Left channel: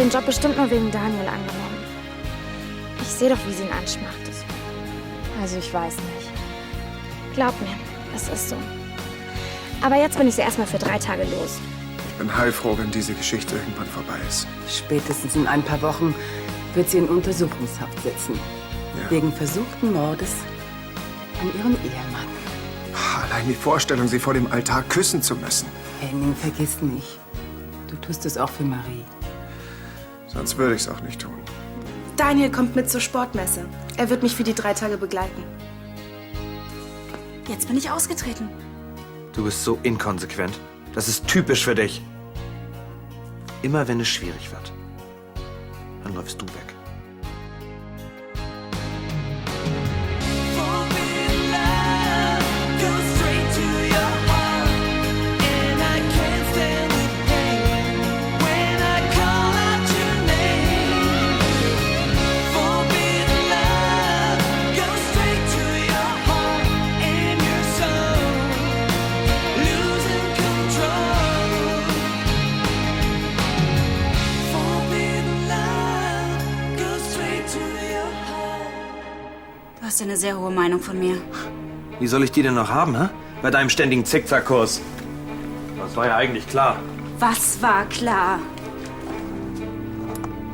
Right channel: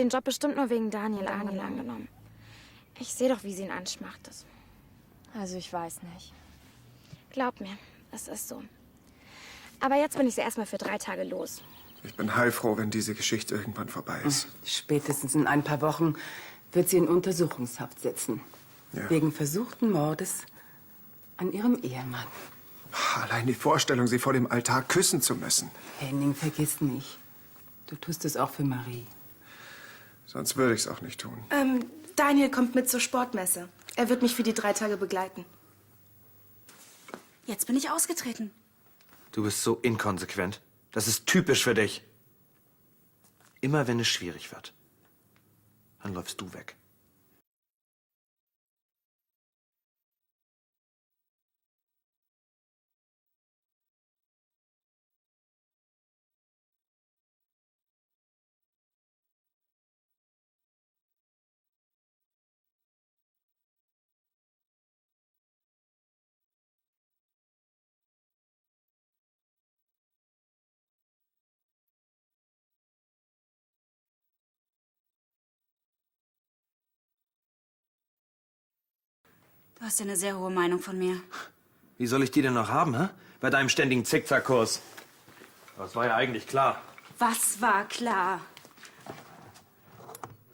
den Job bestimmt nur wegen Daniel angenommen. Ich sehe doch, wie sie ihn anschmacht. Also ich weiß nicht. Glaub mir, es ist so. Aber jetzt bin ich sie erstmal für 3 Tage los. Ich bin heilfroh, wenn diese Geschichte irgendwann vorbei ist. Spätestens in ein paar Wochen wird sie in Untersuchungshaft sitzen. Ja. Wegen versuchten Mordes an ihrem Ehemann. Allein die Vorstellung, sie vor dem Altar küssen zu müssen. Henning, vergiss nicht. Du tust es auch für Marie. Sonst würde ich es auch nicht tun. Daniel kommt mit zur Sportmesse. Er wird mich für die 3 Tage begleiten. Jetzt bin ich ausgetreten. Du bist so inkonsequent. Das ist typisch für dich. Immer wenn es schwierig wird, dann läufst du weg. Du hast ja eine sehr hohe Meinung von mir. Wie soll ich die denn noch haben, hä? Bei deinem ständigen Zickzackkurs. Das war ja eigentlich klar. Was war klar?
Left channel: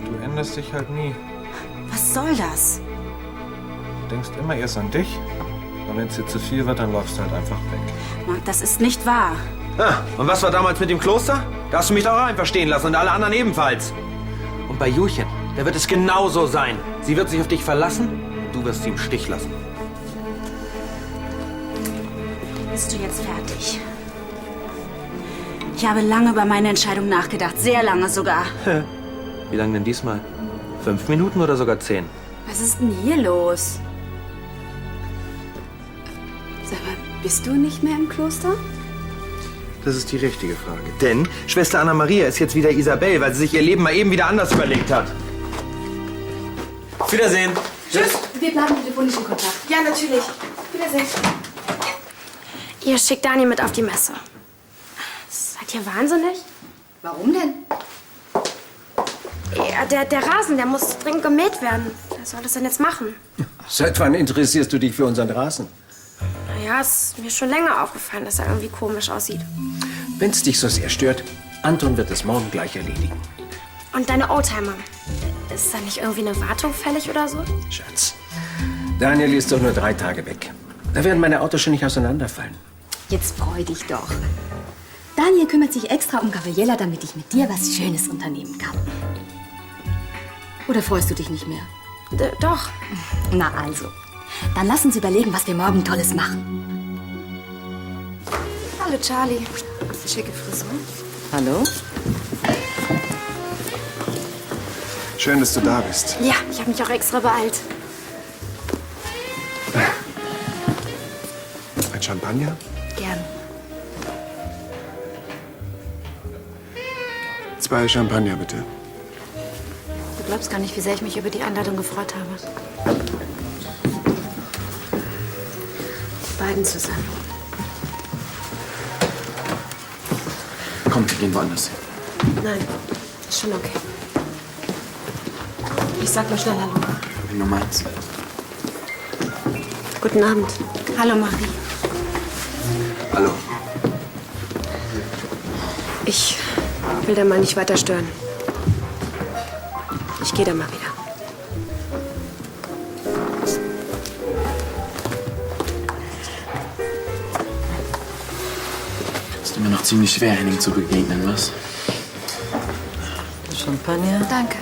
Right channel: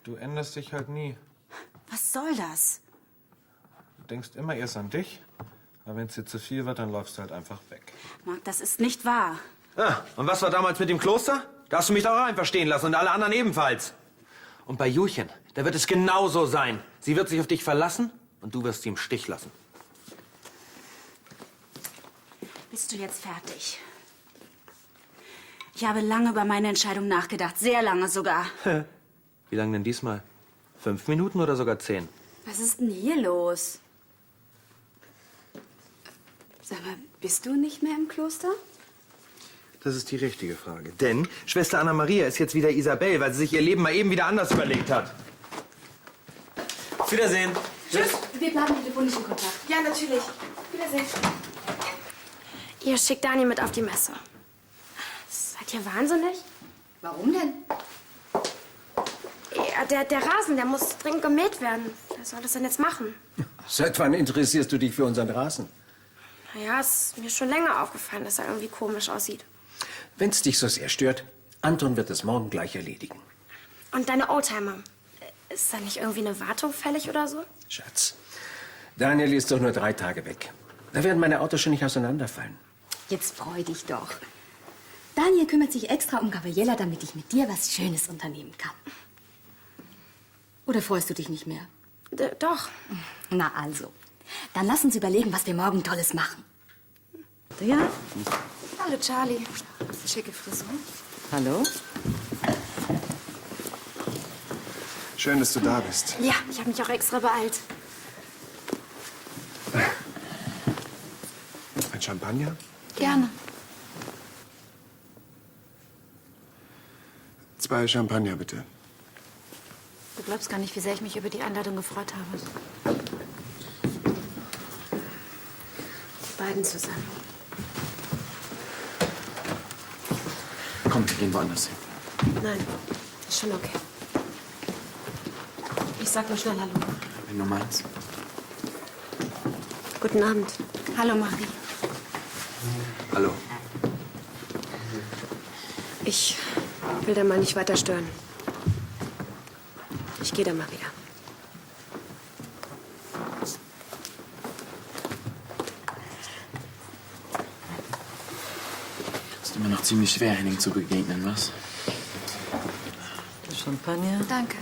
Du änderst dich halt nie. Was soll das? Du denkst immer erst an dich. Und wenn es dir zu viel wird, dann läufst du halt einfach weg. Marc, das ist nicht wahr. Ah, und was war damals mit dem Kloster? Da hast du mich doch auch einfach stehen lassen und alle anderen ebenfalls. Und bei Julchen, da wird es genauso sein. Sie wird sich auf dich verlassen und du wirst sie im Stich lassen. Bist du jetzt fertig? Ich habe lange über meine Entscheidung nachgedacht. Sehr lange sogar. Wie lange denn diesmal? 5 Minuten oder sogar 10? Was ist denn hier los? Sag mal, bist du nicht mehr im Kloster? Das ist die richtige Frage. Denn Schwester Anna-Maria ist jetzt wieder Isabel, weil sie sich ihr Leben mal eben wieder anders überlegt hat. Auf Wiedersehen. Tschüss. Wir bleiben telefonisch in Kontakt. Ja, natürlich. Wiedersehen. Ihr schickt Daniel mit auf die Messe. Seid ihr wahnsinnig? Warum denn? Ja, der Rasen, der muss dringend gemäht werden. Wer soll das denn jetzt machen? Seit wann interessierst du dich für unseren Rasen? Naja, es ist mir schon länger aufgefallen, dass er irgendwie komisch aussieht. Wenn es dich so sehr stört, Anton wird es morgen gleich erledigen. Und deine Oldtimer? Ist da nicht irgendwie eine Wartung fällig oder so? Schatz, Daniel ist doch nur 3 Tage weg. Da werden meine Autos schon nicht auseinanderfallen. Jetzt freu dich doch. Daniel kümmert sich extra um Gabriella, damit ich mit dir was Schönes unternehmen kann. Oder freust du dich nicht mehr? Doch. Na also, dann lass uns überlegen, was wir morgen Tolles machen. Ja. Hallo, Charlie. Schicke Frisur. Hallo? Schön, dass du da bist. Ja, ich habe mich auch extra beeilt. Ein Champagner? Gerne. 2 Champagner, bitte. Du glaubst gar nicht, wie sehr ich mich über die Einladung gefreut habe. Die beiden zusammen. Komm, wir gehen woanders hin. Nein, ist schon okay. Ich sag nur schnell Hallo. Wie du meinst. Guten Abend. Hallo, Marie. Hallo. Ich will da mal nicht weiter stören. Ich gehe dann mal wieder. Ist immer noch ziemlich schwer, Henning zu begegnen, was? Champagner? Danke.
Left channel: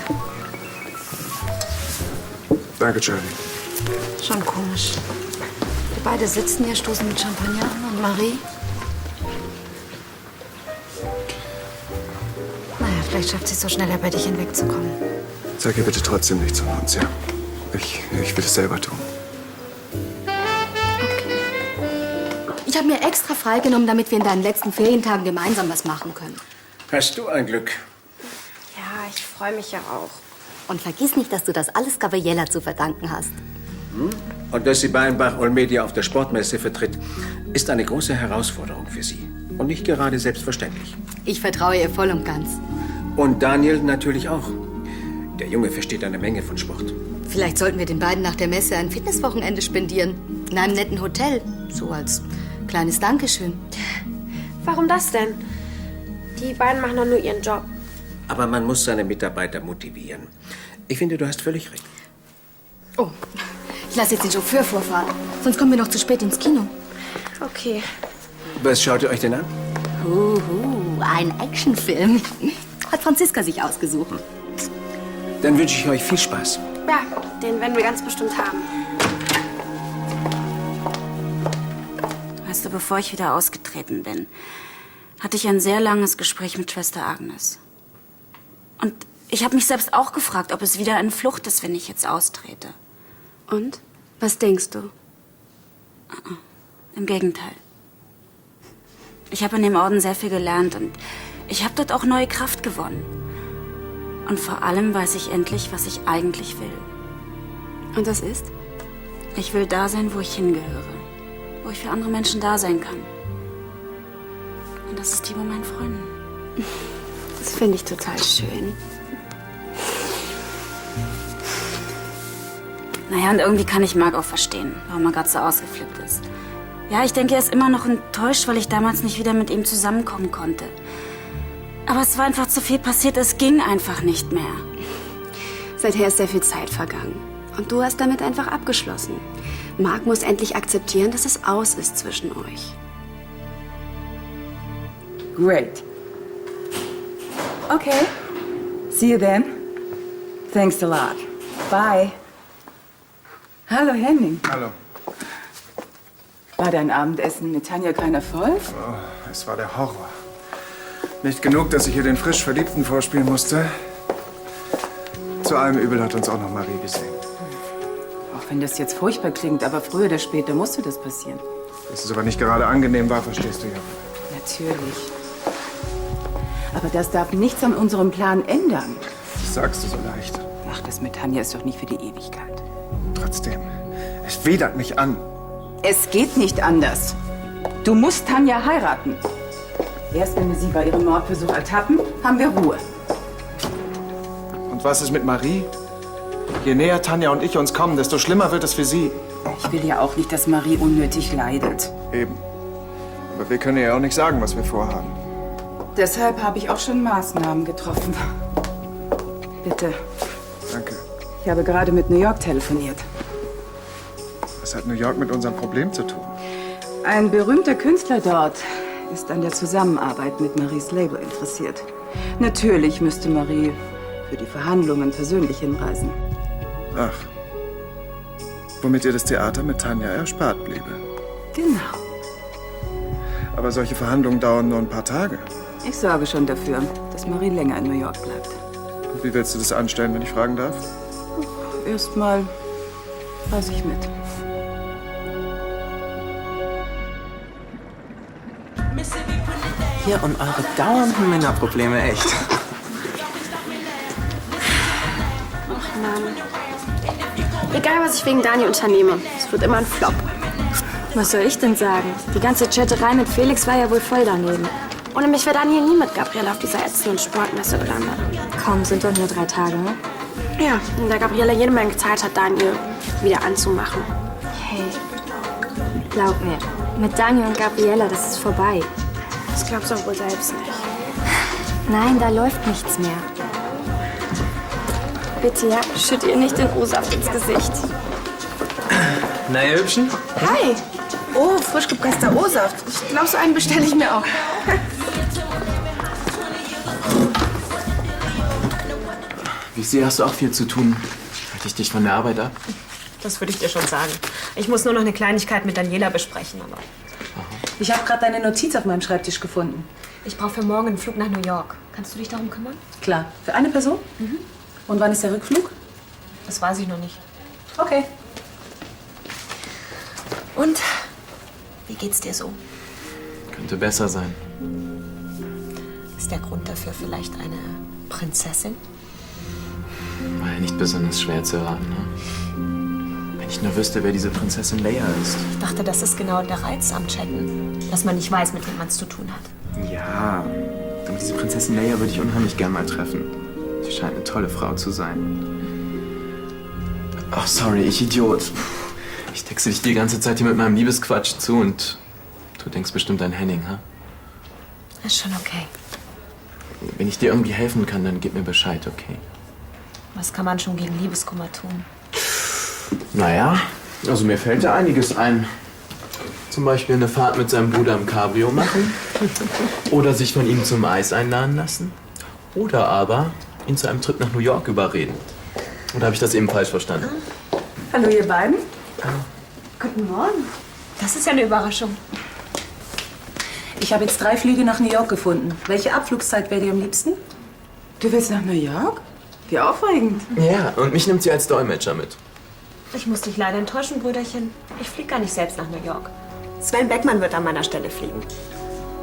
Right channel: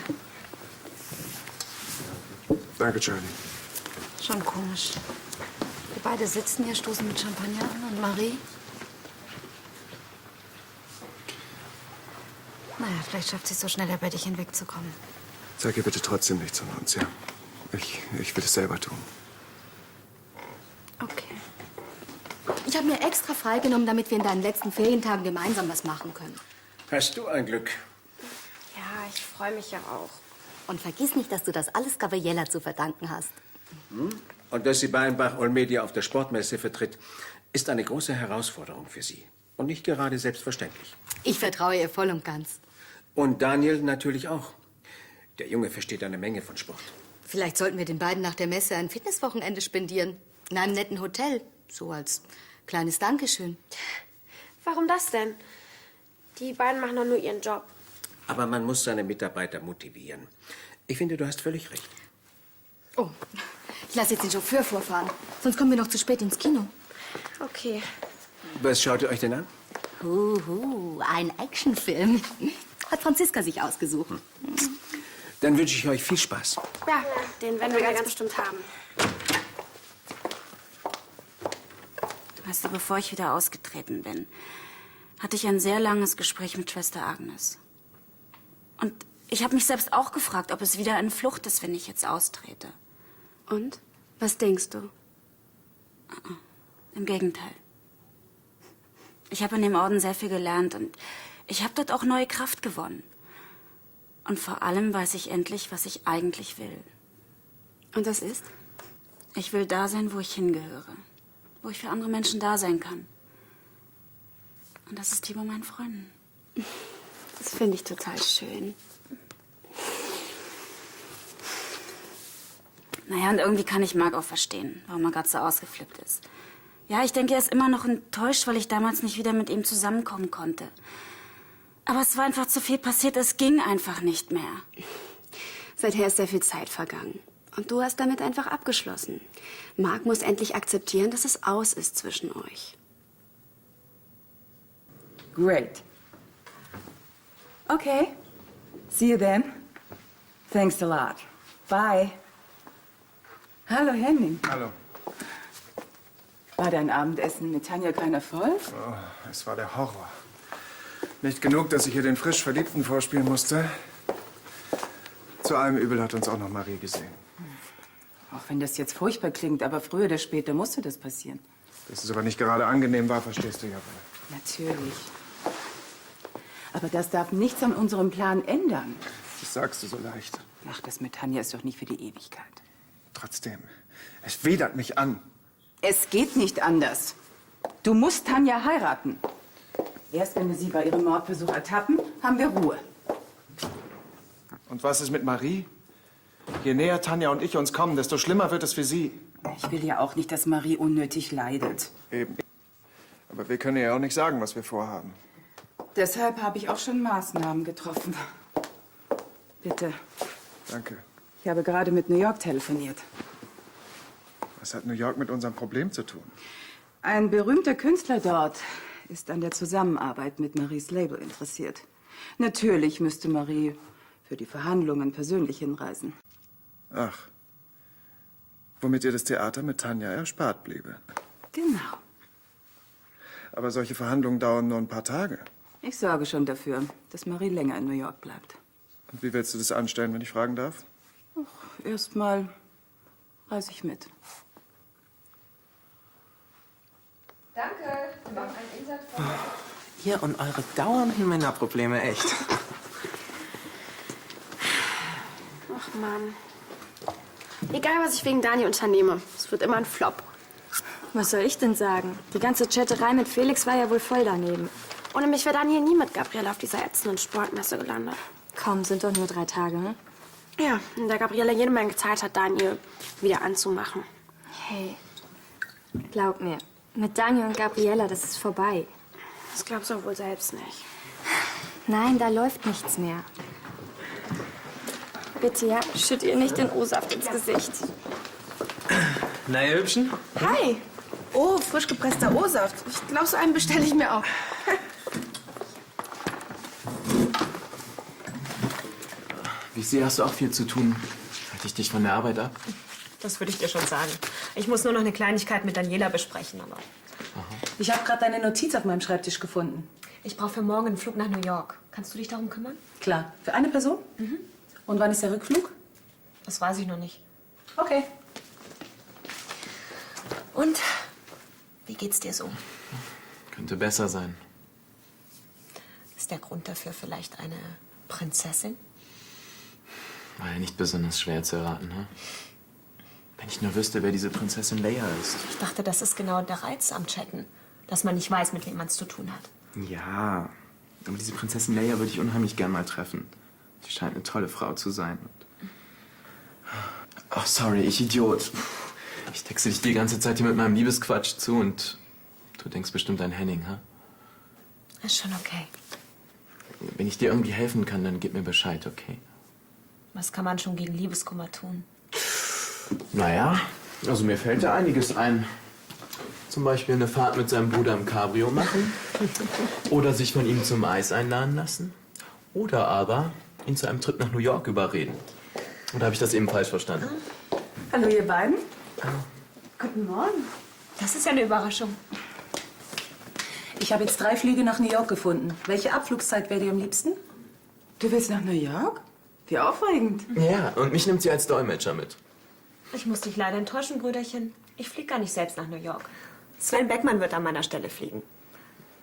Danke, Charlie. Schon komisch. Wir beide sitzen hier, stoßen mit Champagner an und Marie. Naja, vielleicht schafft sie es so schneller, bei dich hinwegzukommen. Sag ihr bitte trotzdem nichts von uns, ja? Ich will es selber tun. Ich habe mir extra freigenommen, damit wir in deinen letzten Ferientagen gemeinsam was machen können. Hast du ein Glück? Ja, ich freue mich ja auch. Und vergiss nicht, dass du das alles Gabriella zu verdanken hast. Und dass sie Beinbach Olmedia auf der Sportmesse vertritt, ist eine große Herausforderung für sie. Und nicht gerade selbstverständlich. Ich vertraue ihr voll und ganz. Und Daniel natürlich auch. Der Junge versteht eine Menge von Sport. Vielleicht sollten wir den beiden nach der Messe ein Fitnesswochenende spendieren. In einem netten Hotel. So als kleines Dankeschön. Warum das denn? Die beiden machen doch nur ihren Job. Aber man muss seine Mitarbeiter motivieren. Ich finde, du hast völlig recht. Oh, ich lasse jetzt den Chauffeur vorfahren. Sonst kommen wir noch zu spät ins Kino. Okay. Was schaut ihr euch denn an? Ein Actionfilm. Hat Franziska sich ausgesucht. Dann wünsche ich euch viel Spaß. Ja, den werden wir ganz bestimmt haben. Weißt du, bevor ich wieder ausgetreten bin, hatte ich ein sehr langes Gespräch mit Schwester Agnes. Und ich habe mich selbst auch gefragt, ob es wieder eine Flucht ist, wenn ich jetzt austrete. Und? Was denkst du? Im Gegenteil. Ich habe in dem Orden sehr viel gelernt und ich habe dort auch neue Kraft gewonnen. Und vor allem weiß ich endlich, was ich eigentlich will. Und das ist? Ich will da sein, wo ich hingehöre. Wo ich für andere Menschen da sein kann. Und das ist die bei meinen Freunden. Das finde ich total schön. Naja, und irgendwie kann ich Marc auch verstehen, warum er gerade so ausgeflippt ist. Ja, ich denke, er ist immer noch enttäuscht, weil ich damals nicht wieder mit ihm zusammenkommen konnte. Aber es war einfach zu viel passiert, es ging einfach nicht mehr. Seither ist sehr viel Zeit vergangen. Und du hast damit einfach abgeschlossen. Marc muss endlich akzeptieren, dass es aus ist zwischen euch. Great. Okay. See you then. Thanks a lot. Bye. Hallo, Henning. Hallo. War dein Abendessen mit Tanja kein Erfolg? Oh, es war der Horror. Nicht genug, dass ich hier den frisch Verliebten vorspielen musste. Zu allem Übel hat uns auch noch Marie gesehen. Auch wenn das jetzt furchtbar klingt, aber früher oder später musste das passieren. Dass es aber nicht gerade angenehm war, verstehst du ja. Natürlich. Aber das darf nichts an unserem Plan ändern. Das sagst du so leicht. Ach, das mit Tanja ist doch nicht für die Ewigkeit. Trotzdem, es widert mich an. Es geht nicht anders. Du musst Tanja heiraten. Erst wenn wir sie bei ihrem Mordversuch ertappen, haben wir Ruhe. Und was ist mit Marie? Je näher Tanja und ich uns kommen, desto schlimmer wird es für sie. Ich will ja auch nicht, dass Marie unnötig leidet. Eben. Aber wir können ihr ja auch nicht sagen, was wir vorhaben. Deshalb habe ich auch schon Maßnahmen getroffen. Bitte. Danke. Ich habe gerade mit New York telefoniert. Was hat New York mit unserem Problem zu tun? Ein berühmter Künstler dort ist an der Zusammenarbeit mit Maries Label interessiert. Natürlich müsste Marie für die Verhandlungen persönlich hinreisen. Ach. Womit ihr das Theater mit Tanja erspart bliebe. Genau. Aber solche Verhandlungen dauern nur ein paar Tage. Ich sorge schon dafür, dass Marie länger in New York bleibt. Und wie willst du das anstellen, wenn ich fragen darf? Erstmal reise ich mit. Hier und eure dauernden Männerprobleme, echt. Ach Mann. Egal, was ich wegen Dani unternehme, es wird immer ein Flop. Was soll ich denn sagen? Die ganze Chatterei mit Felix war ja wohl voll daneben. Ohne mich wäre Dani nie mit Gabriele auf dieser ätzenden Sportmesse gelandet. Komm, sind doch nur 3 Tage, ne? Ja, und da Gabriele jede Menge Zeit hat, Daniel wieder anzumachen. Hey, glaub mir, mit Daniel und Gabriela, das ist vorbei. Das glaubst du auch wohl selbst nicht. Nein, da läuft nichts mehr. Bitte, ja, schütt ihr nicht den O-Saft ins Gesicht. Na, ihr Hübschen? Hi. Oh, frisch gepresster O-Saft. Ich glaube, so einen bestelle ich mir auch. Wie ich sehe, hast du auch viel zu tun. Halte ich dich von der Arbeit ab? Das würde ich dir schon sagen. Ich muss nur noch eine Kleinigkeit mit Daniela besprechen, aber Ich habe gerade deine Notiz auf meinem Schreibtisch gefunden. ich brauche für morgen einen Flug nach New York. Kannst du dich darum kümmern? Klar. Für eine Person? Und wann ist der Rückflug? Das weiß ich noch nicht. Okay. Und wie geht's dir so? Könnte besser sein. Ist der Grund dafür vielleicht eine Prinzessin? War ja nicht besonders schwer zu erraten, ne? Wenn ich nur wüsste, wer diese Prinzessin Leia ist. Ich dachte, das ist genau der Reiz am Chatten. Dass man nicht weiß, mit wem man es zu tun hat. Ja, aber diese Prinzessin Leia würde ich unheimlich gern mal treffen. Sie scheint eine tolle Frau zu sein. Ach, sorry, ich Idiot. Ich texte dich die ganze Zeit hier mit meinem Liebesquatsch zu und du denkst bestimmt an Henning, ha? Ist schon okay. Wenn ich dir irgendwie helfen kann, dann gib mir Bescheid, okay? Was kann man schon gegen Liebeskummer tun? Naja, also mir fällt da einiges ein. Zum Beispiel eine Fahrt mit seinem Bruder im Cabrio machen. Oder sich von ihm zum Eis einladen lassen. Oder aber ihn zu einem Trip nach New York überreden. Oder habe ich das eben falsch verstanden? Hallo, ihr beiden. Guten Morgen. Das ist ja eine Überraschung. Ich habe jetzt 3 Flüge nach New York gefunden. Welche Abflugszeit wäre dir am liebsten? Du willst nach New York? Wie aufregend. Ja, und mich nimmt sie als Dolmetscher mit. Ich muss dich leider enttäuschen, Brüderchen. Ich fliege gar nicht selbst nach New York. Sven Beckmann wird an meiner Stelle fliegen.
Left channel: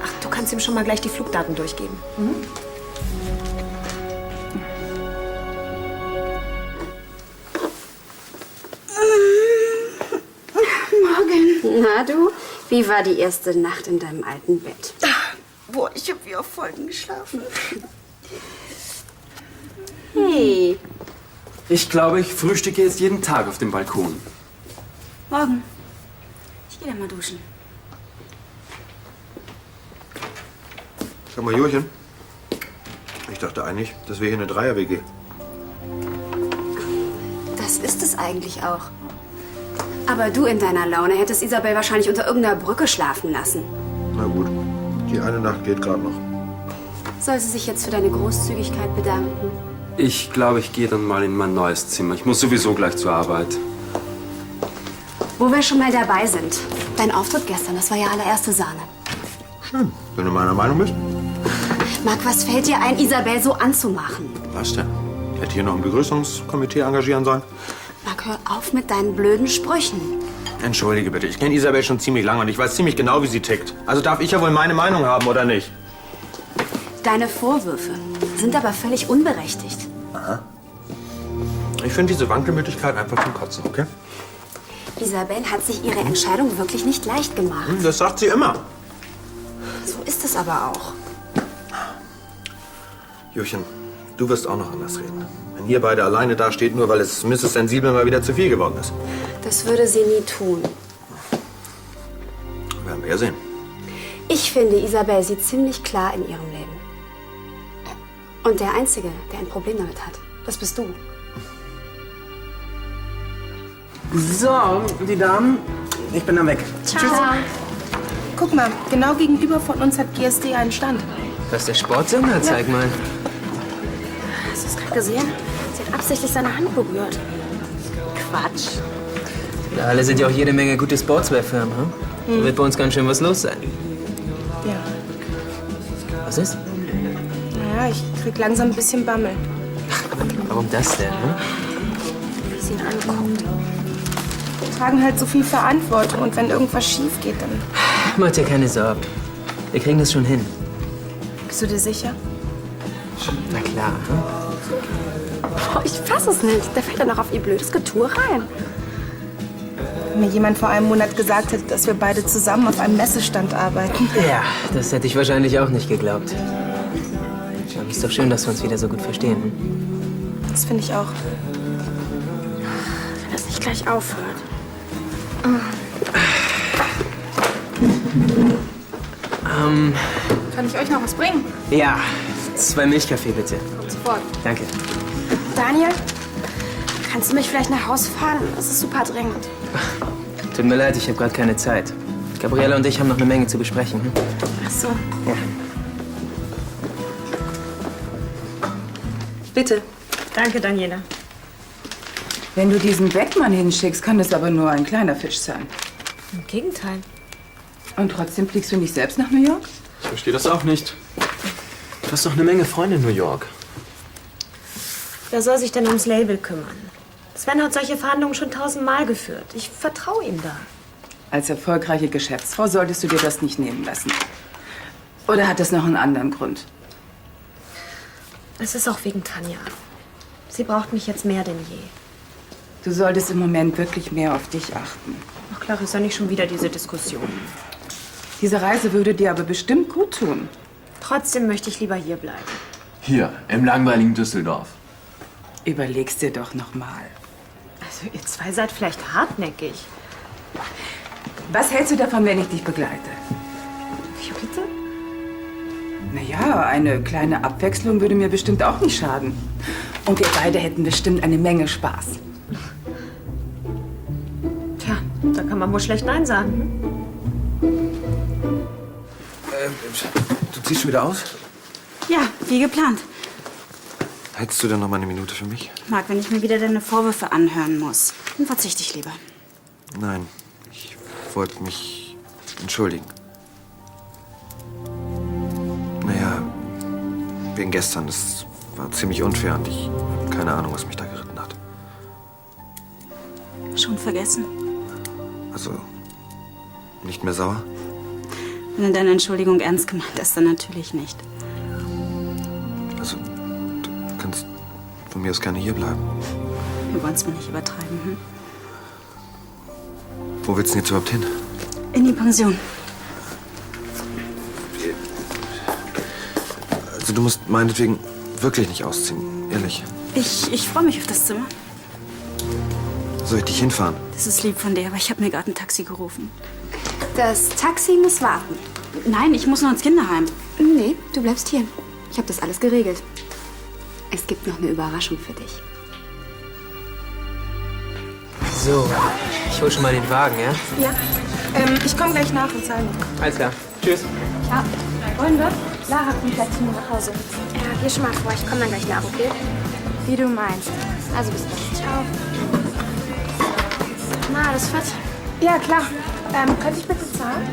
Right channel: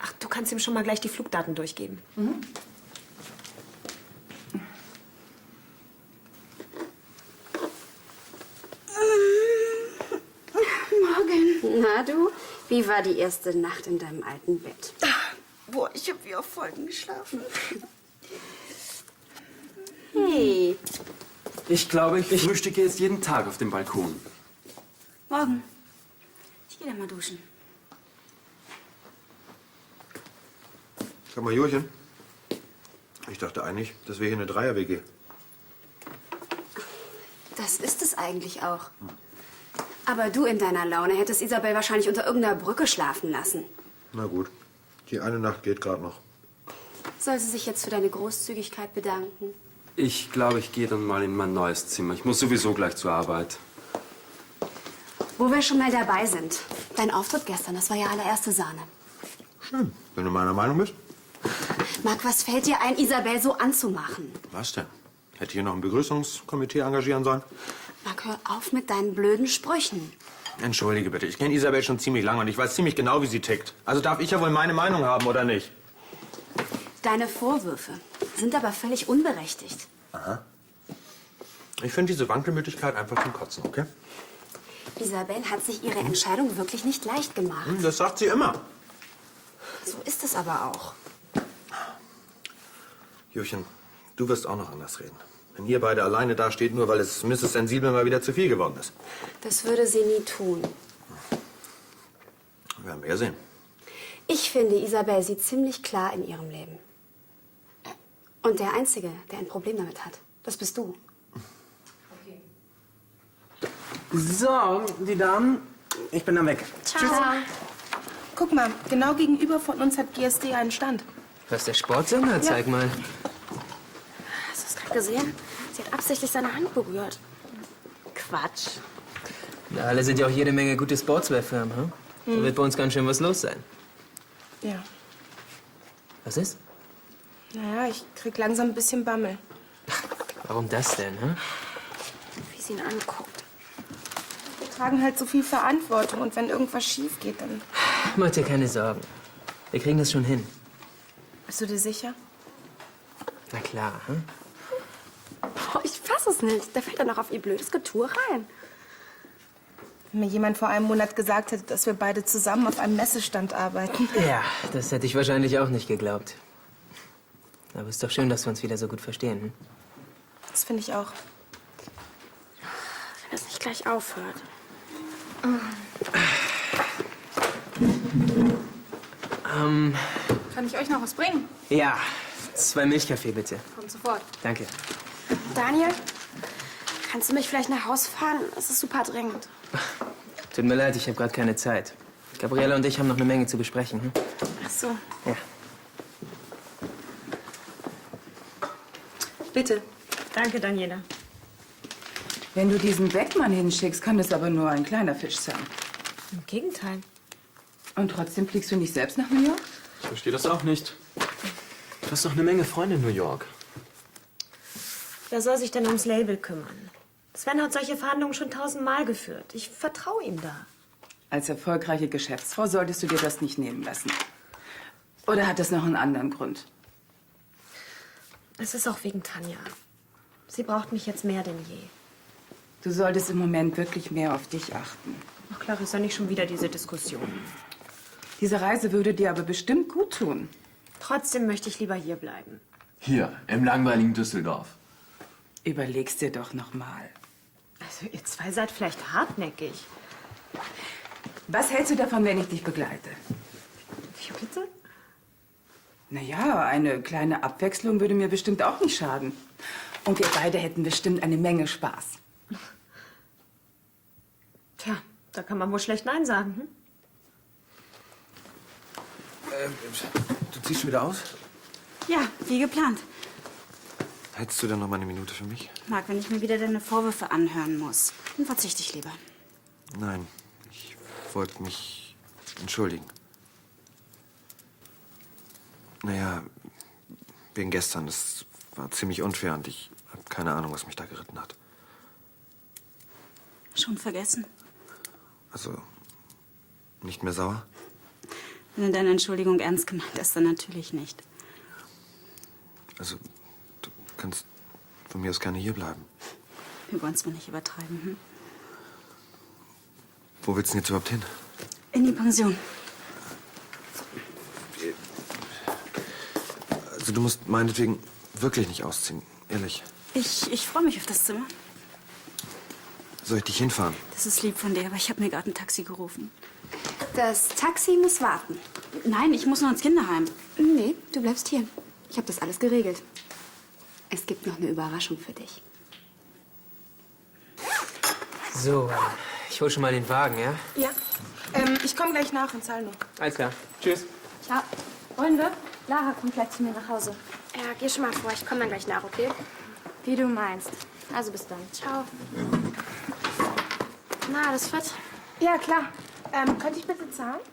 Ach, du kannst ihm schon mal gleich die Flugdaten durchgeben. Mhm. Morgen. Na du, wie war die erste Nacht in deinem alten Bett? Boah, ich habe wie auf Folgen geschlafen. Hey, Ich glaube, ich frühstücke jetzt jeden Tag auf dem Balkon. morgen. Ich gehe dann mal duschen. Sag mal, Jurchen. Ich dachte eigentlich, das wäre hier eine Dreier-WG. Das ist es eigentlich auch. Aber du in deiner Laune hättest Isabel wahrscheinlich unter irgendeiner Brücke schlafen lassen. Na gut, die eine Nacht geht gerade noch. Soll sie sich jetzt für deine Großzügigkeit bedanken? Ich glaube, ich gehe dann mal in mein neues Zimmer. Ich muss sowieso gleich zur Arbeit. Wo wir schon mal dabei sind. Dein Auftritt gestern, das war ja allererste Sahne. Schön, wenn du meiner Meinung bist. Marc, was fällt dir ein, Isabel so anzumachen? Was denn? Hätte hier noch ein Begrüßungskomitee engagieren sollen? Marc, hör auf mit deinen blöden Sprüchen. Entschuldige bitte, ich kenne Isabel schon ziemlich lange und ich weiß ziemlich genau, wie sie tickt. Also darf ich ja wohl meine Meinung haben, oder nicht? Deine Vorwürfe sind aber völlig unberechtigt. Aha. Ich finde diese Wankelmütigkeit einfach zum Kotzen, okay? Isabel hat sich ihre Entscheidung wirklich nicht leicht gemacht. Das sagt sie immer. So ist es aber auch. Jürchen, du wirst auch noch anders reden. Wenn ihr beide alleine dasteht, nur weil es Mrs. Sensibel mal wieder zu viel geworden ist. Das würde sie nie tun. Werden wir ja sehen. Ich finde, Isabel sieht ziemlich klar in ihrem Leben. Und der Einzige, der ein Problem damit hat, das bist du. So, die Damen, ich bin dann weg. Ciao. Guck mal, genau gegenüber von uns hat GSD einen Stand. Das ist der Sportsender, zeig mal. Hast du es gerade gesehen? Sie hat absichtlich seine Hand berührt. Quatsch. Ja, alle sind ja auch jede Menge gute Sportswear-Firmen, hm? Da wird bei uns ganz schön was los sein. Ja. Was ist? Naja, ich krieg langsam ein bisschen Bammel. Warum das denn, hm? Wie sie ihn anguckt. Wir tragen halt so viel Verantwortung und wenn irgendwas schief geht, dann... Mach dir keine Sorgen. Wir kriegen das schon hin. Bist du dir sicher? Na klar, hm? Oh, ich fass es nicht. Der fällt ja noch auf ihr blödes Getue rein. Wenn mir jemand vor einem Monat gesagt hätte, dass wir beide zusammen auf einem Messestand arbeiten. Ja, das hätte ich wahrscheinlich auch nicht geglaubt. Aber ist doch schön, dass wir uns wieder so gut verstehen. Hm? Das finde ich auch. Wenn das nicht gleich aufhört. Kann ich euch noch was bringen? Ja, 2 Milchkaffee bitte. Sofort. Danke. Daniel, kannst du mich vielleicht nach Hause fahren? Das ist super dringend. Tut mir leid, ich habe gerade keine Zeit. Gabriela und ich haben noch eine Menge zu besprechen. Hm? Ach so. Ja. Bitte. Danke, Daniela. Wenn du diesen Beckmann hinschickst, kann das aber nur ein kleiner Fisch sein. Im Gegenteil. Und trotzdem fliegst du nicht selbst nach New York? Ich verstehe das auch nicht. Du hast doch eine Menge Freunde in New York. Wer soll sich denn ums Label kümmern? Sven hat solche Verhandlungen schon 1000-mal geführt. Ich vertraue ihm da. Als erfolgreiche Geschäftsfrau solltest du dir das nicht nehmen lassen. Oder hat das noch einen anderen Grund? Es ist auch wegen Tanja. Sie braucht mich jetzt mehr denn je. Du solltest im Moment wirklich mehr auf dich achten. Ach klar, ist ja nicht schon wieder diese Diskussion. Diese Reise würde dir aber bestimmt gut tun. Trotzdem möchte ich lieber hier bleiben. Hier, im langweiligen Düsseldorf. Überleg's dir doch noch mal. Also ihr zwei seid vielleicht hartnäckig. Was hältst du davon, wenn ich dich begleite? Wie bitte? Naja, eine kleine Abwechslung würde mir bestimmt auch nicht schaden. Und wir beide hätten bestimmt eine Menge Spaß. Tja, da kann man wohl schlecht Nein sagen. Du ziehst schon wieder aus? Ja, wie geplant. Hättest du denn noch mal eine Minute für mich? Marc, wenn ich mir wieder deine Vorwürfe anhören muss, dann verzichte ich lieber. Nein, ich wollte mich entschuldigen. Naja, wegen gestern. Das war ziemlich unfair und ich habe keine Ahnung, was mich da geritten hat. Schon vergessen? Also, nicht mehr sauer? Wenn du deine Entschuldigung ernst gemeint hast, dann natürlich nicht. Also, du kannst von mir aus gerne hier bleiben. Wir wollen es mal nicht übertreiben, hm? Wo willst du denn jetzt überhaupt hin? In die Pension. Also, du musst meinetwegen wirklich nicht ausziehen, ehrlich. Ich freue mich auf das Zimmer. Soll ich dich hinfahren? Das ist lieb von dir, aber ich habe mir gerade ein Taxi gerufen. Das Taxi muss warten. Nein, ich muss noch ins Kinderheim. Nee, du bleibst hier. Ich habe das alles geregelt. Es gibt noch eine Überraschung für dich. So, ich hol schon mal den Wagen, ja? Ja. Ich komme gleich nach und zahle. Alles klar. Tschüss. Ja, wollen wir? Sarah kommt gleich zu mir nach Hause. Ja, geh schon mal vor, ich komme dann gleich nach, okay? Wie du meinst. Also bis dann. Ciao. Na, alles fit? Ja, klar. Könnte ich bitte zahlen?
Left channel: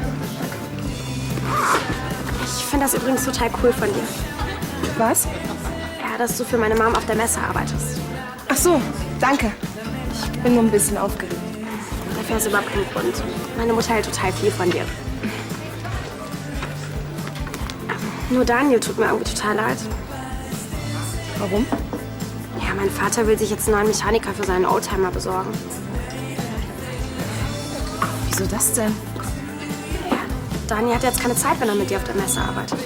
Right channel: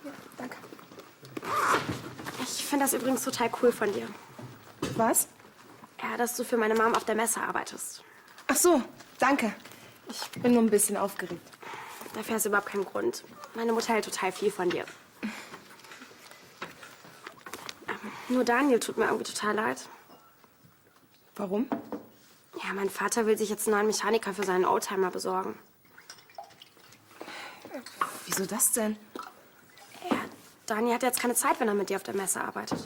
Ich finde das übrigens total cool von dir. Was? Ja, dass du für meine Mom auf der Messe arbeitest. Ach so, danke. Ich bin nur ein bisschen aufgeregt. Dafür hast du überhaupt keinen Grund. Meine Mutter hält total viel von dir. Nur Daniel tut mir irgendwie total leid. Warum? Ja, mein Vater will sich jetzt einen neuen Mechaniker für seinen Oldtimer besorgen. Wieso das denn? Ja, Daniel hat jetzt keine Zeit, wenn er mit dir auf der Messe arbeitet.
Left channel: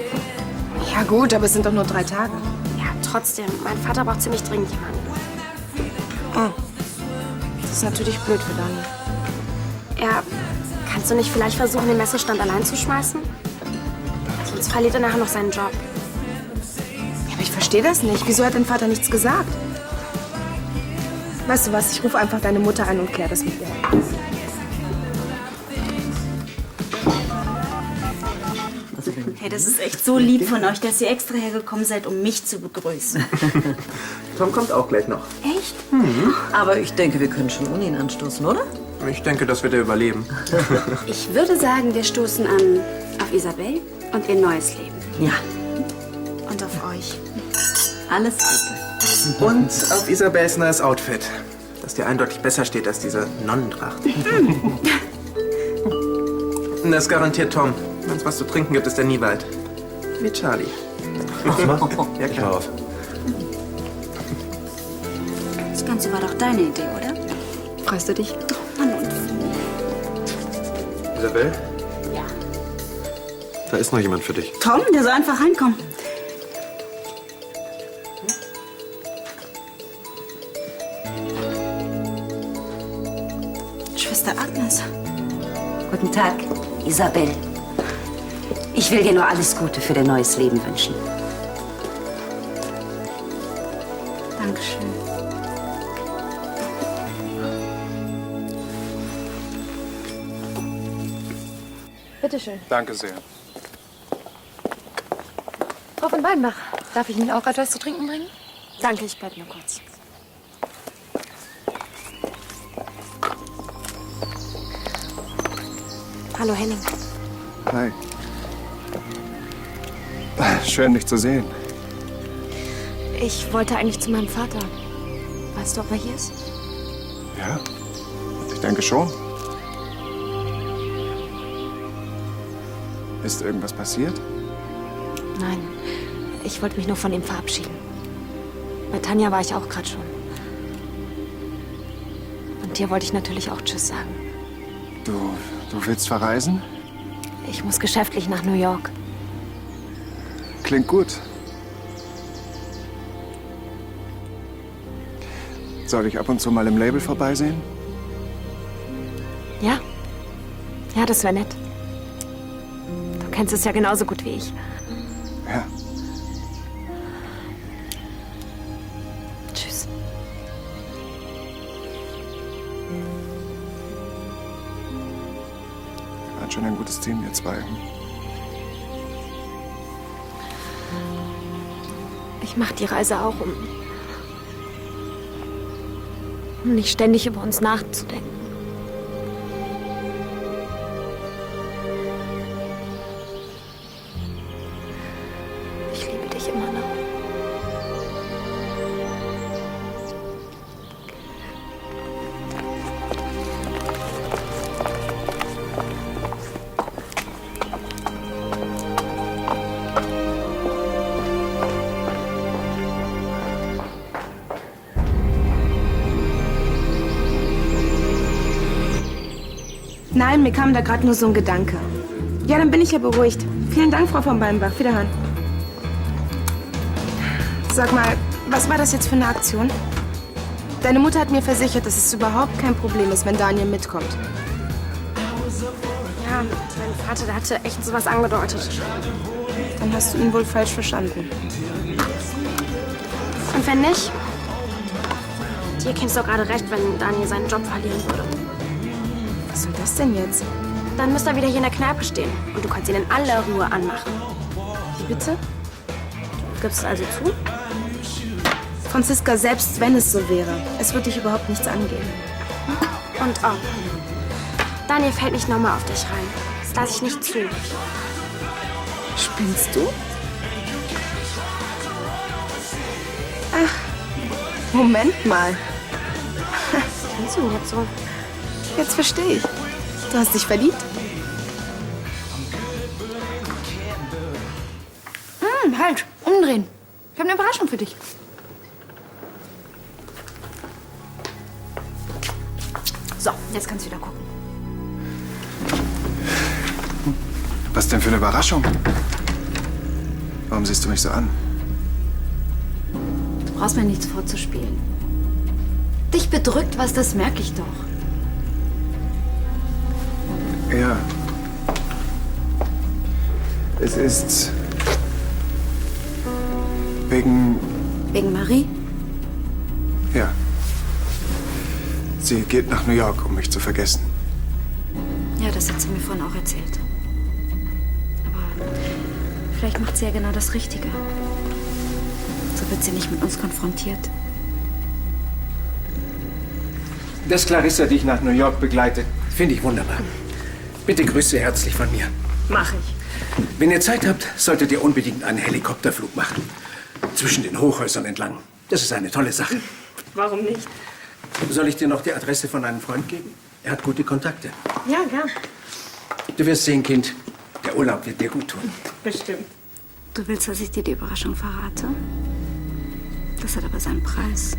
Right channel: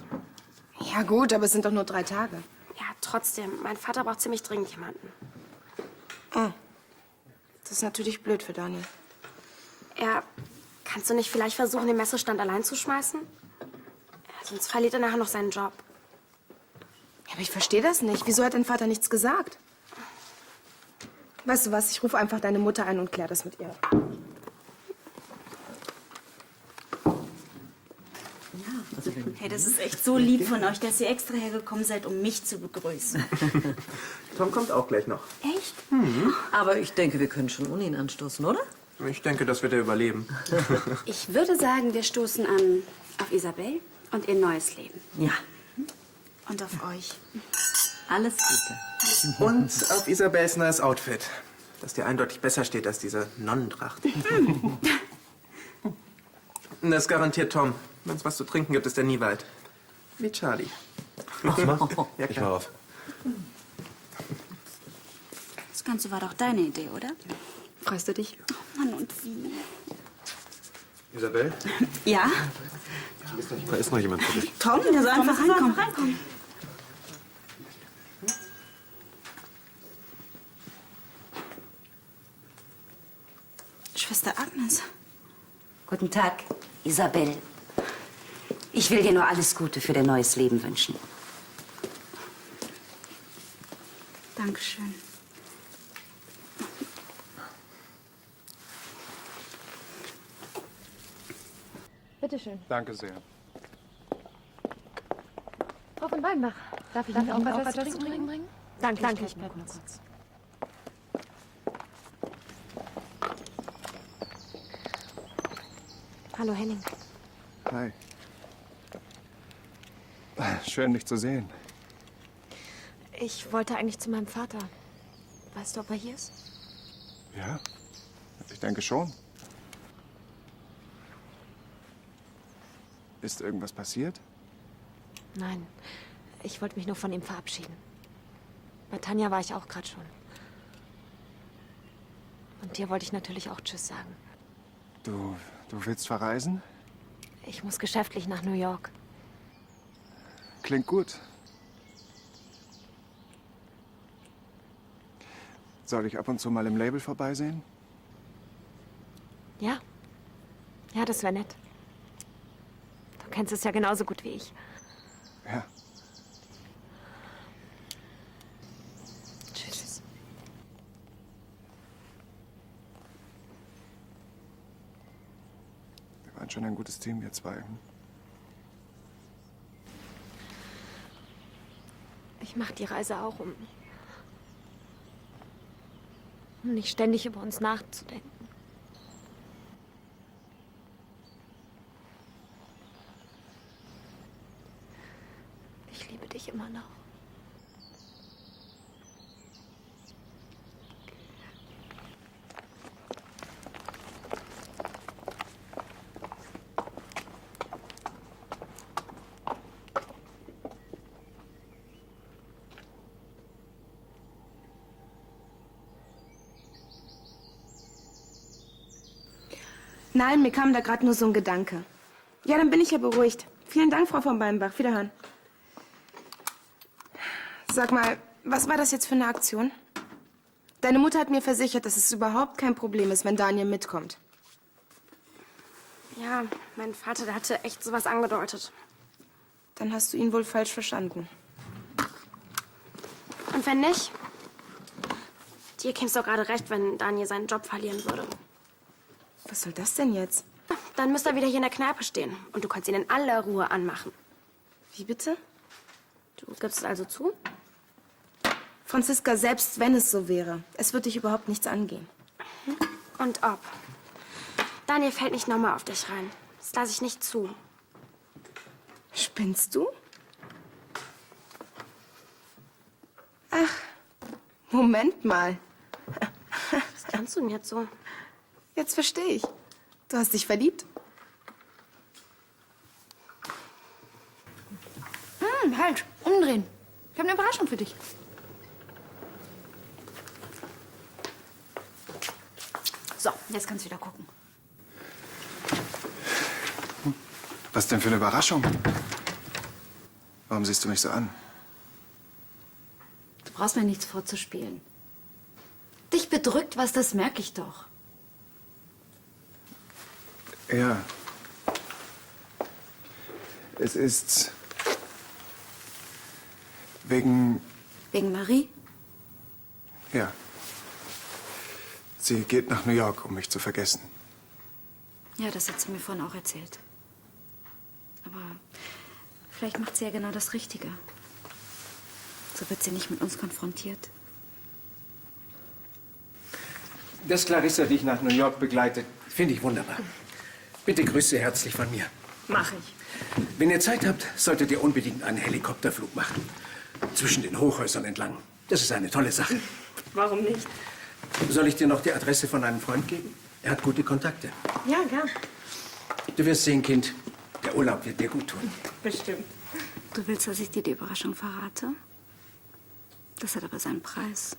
Ja gut, aber es sind doch nur 3 Tage. Ja, trotzdem. Mein Vater braucht ziemlich dringend jemanden. Oh. Das ist natürlich blöd für Daniel. Ja, kannst du nicht vielleicht versuchen, den Messestand allein zu schmeißen? Sonst verliert er nachher noch seinen Job. Ja, aber ich verstehe das nicht. Wieso hat dein Vater nichts gesagt? Weißt du was, ich rufe einfach deine Mutter an und kläre das mit ihr. Hey, das ist echt so lieb von euch, dass ihr extra hergekommen seid, um mich zu begrüßen. Tom kommt auch gleich noch. Echt? Aber ich denke, wir können schon ohne ihn anstoßen, oder? Ich denke, das wird er überleben. Ich würde sagen, wir stoßen an auf Isabel und ihr neues Leben. Ja. Und auf euch. Alles Gute. Und auf Isabels neues Outfit, das dir eindeutig besser steht als diese Nonnentracht. Das ist garantiert Tom. Wenn es was zu trinken gibt, ist er nie weit. Wie Charlie. Ja, klar. Auf. Das Ganze war doch deine Idee, oder? Freust du dich? Mann und Isabel, Ja? da ist noch jemand für dich. Tom, der soll einfach reinkommen. Schwester Agnes. Guten Tag, Isabel. Ich will dir nur alles Gute für dein neues Leben wünschen. Dankeschön. Bitteschön. Danke sehr. Frau von Weidenbach, darf ich Ihnen auch etwas zu trinken bringen? Danke, ich bleib nur kurz. Hallo, Henning. Hi. Schön, dich zu sehen. Ich wollte eigentlich zu meinem Vater. Weißt du, ob er hier ist? Ja, ich denke schon. Ist irgendwas passiert? Nein, ich wollte mich nur von ihm verabschieden. Bei Tanja war ich auch gerade schon. Und dir wollte ich natürlich auch Tschüss sagen. Du willst verreisen? Ich muss geschäftlich nach New York. Klingt gut. Soll ich ab und zu mal im Label vorbeisehen? Ja. Ja, das wäre nett. Du kennst es ja genauso gut wie ich. Ja. Tschüss. Ihr wart schon ein gutes Team, ihr zwei. Ich mache die Reise auch, um nicht ständig über uns nachzudenken. Ich liebe dich immer noch. Nein, mir kam da gerade nur so ein Gedanke. Ja, dann bin ich ja beruhigt. Vielen Dank, Frau von Ballenbach. Wiederhören. Sag mal, was war das jetzt für eine Aktion? Deine Mutter hat mir versichert, dass es überhaupt kein Problem ist, wenn Daniel mitkommt. Ja, mein Vater, der hatte echt sowas angedeutet. Dann hast du ihn wohl falsch verstanden. Und wenn nicht? Dir käme es doch gerade recht, wenn Daniel seinen Job verlieren würde. Was soll das denn jetzt? Dann müsste er wieder hier in der Kneipe stehen. Und du kannst ihn in aller Ruhe anmachen. Wie bitte? Gibst du also zu? Franziska, selbst wenn es so wäre, es wird dich überhaupt nichts angehen. Und oh, Daniel fällt nicht nochmal auf dich rein. Das lasse ich nicht zu. Spinnst du? Ach, Moment mal. Was denkst du denn jetzt so? Jetzt verstehe ich. Du hast dich verliebt? Halt, umdrehen. Ich habe eine Überraschung für dich. So, jetzt kannst du wieder gucken. Was denn für eine Überraschung? Warum siehst du mich so an? Du brauchst mir nichts vorzuspielen. Dich bedrückt was, das merke ich doch. Ja. Es ist wegen... Wegen Marie? Ja. Sie geht nach New York, um mich zu vergessen. Ja, das hat sie mir vorhin auch erzählt. Aber vielleicht macht sie ja genau das Richtige. So wird sie nicht mit uns konfrontiert. Dass Clarissa dich nach New York begleitet, finde ich wunderbar. Bitte grüße herzlich von mir. Mach ich. Wenn ihr Zeit habt, solltet ihr unbedingt einen Helikopterflug machen. Zwischen den Hochhäusern entlang. Das ist eine tolle Sache. Warum nicht? Soll ich dir noch die Adresse von einem Freund geben? Er hat gute Kontakte. Ja, gern. Du wirst sehen, Kind, der Urlaub wird dir gut tun. Bestimmt. Du willst, dass ich dir die Überraschung verrate? Das hat aber seinen Preis.